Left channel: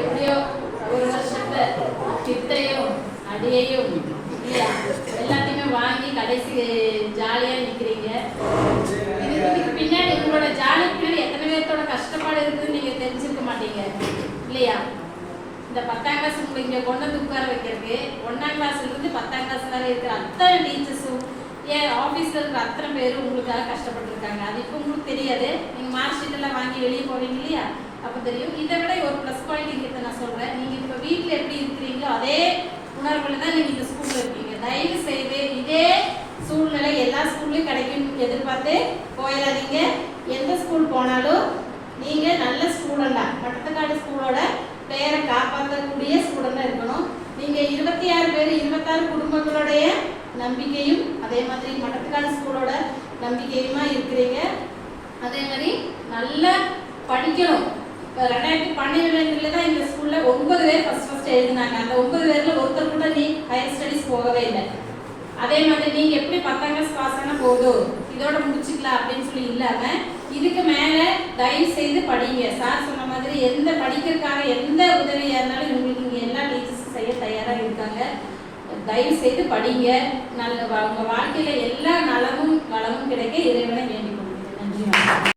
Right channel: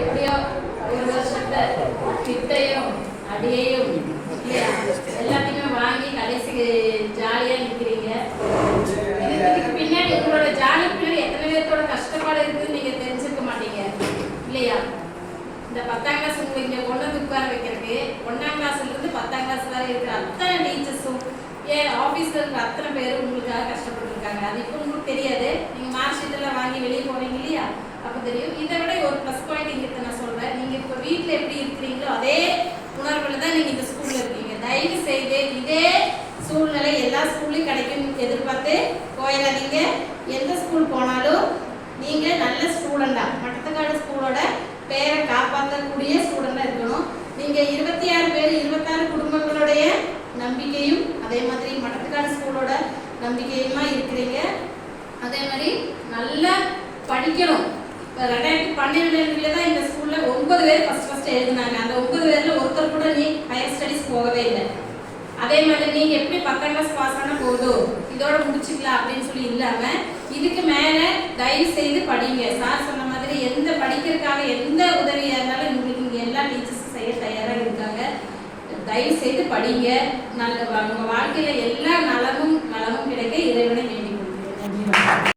எப்படியோ ஒரு வருஷத்தை திட்டையும் அடியையும் எல்லாத்தையுமே வாங்கி கடைசி ஜாலியாக நிற்கிறீங்க. இதுக்கு பின்னாடி உங்களோட ஜாலி பின்னாடி எத்தனை பேர்த்தோட கஷ்டப்பாடு இருக்குதுன்னு நீங்கள் தெரிஞ்சிருக்க மாட்டீங்க இல்லையா? இந்த 10ஆம் கிளாஸ் உங்களுக்கு இங்கே கொண்டு வந்து உட்கார வைக்கிறதுக்கு 1ஆம் கிளாஸ்லேருந்து 10ஆம் கிளாஸ் வரை இருக்கிற அத்தனை டீச்சர்ஸும் ஏன் ஆஃபீஸில் இருக்கிற அத்தனை பேரும் உங்களுக்காக கஷ்டப்பட்டுருக்காங்க. அது இப்போ உங்களுக்கு தெரியாது. நீங்கள் மார்க் ஷீட்டெல்லாம் வாங்கி வெளியே போவீங்க இல்லையா? அப்போ தெரியும். இதை விட ஒரு ப்ளஸ் பாயிண்ட் இங்கே நான் சொல்கிறேன். நீங்கள் இப்போ வீட்டில் எப்படி இருக்கிறீங்களோ அதே உணர்வில் தான் நீங்கள் இந்த ஸ்கூலில் இருக்கீங்க. தயவு செய்து இதே சூழ்நிலை எல்லா ஸ்கூல்லையும் கிடைக்கும்னு எதிர்பார்த்து போயிடாதீங்க. எந்த ஸ்கூல் போனாலும் நீங்கள் நல்ல ஸ்டூடெண்டாக மட்டத்துக்காடு ஸ்கூலோட பேரை காப்பாற்றக்கூடிய ஸ்டூடெண்டாக இருக்கணும். நீங்கள் 26 பேர் 26 குடும்பங்களுடைய நம்பிக்கையும் அதே மாதிரி மட்டத்துக்காடு ஸ்கூலோட நம்பிக்கையுமா இருக்கிறீங்க. அதே மாதிரி நல்லா படிக்கணும். இப்போ 2012 தான் இந்த ஸ்கூலில் 9 பேர் ஃபஸ்ட் எழுதினாங்க. அந்த 9 பேரில் ஒருத்தர் கூட நீ ஹையர் ஸ்டடீஸ் போகவே இல்லை. அதே மாதிரி நீங்கள் எப்படி 10ஆம் கிளாஸ் பாஸ் ஆனால் போதும் இதோட முடிச்சுக்கலாம் அப்படின்னு சொல்லி இல்லாமல் இதுக்கு மேலே தயவு செய்து படிங்க. சார் சொன்ன மாதிரி எந்த படிக்கிறதுக்காக எந்த உதவியாக இருந்தாலும் உங்களுக்கு இங்கே எல்லா டீச்சர்ஸும் செய்ய தயாராக இருக்காங்க. தயவு செய்து படிங்க. நல்ல உங்கள் வாழ்க்கையில் எல்லா நலமும் வளமும் கிடைக்க இறைவனை வேண்டிக் கொள்கிறேன். நன்றி.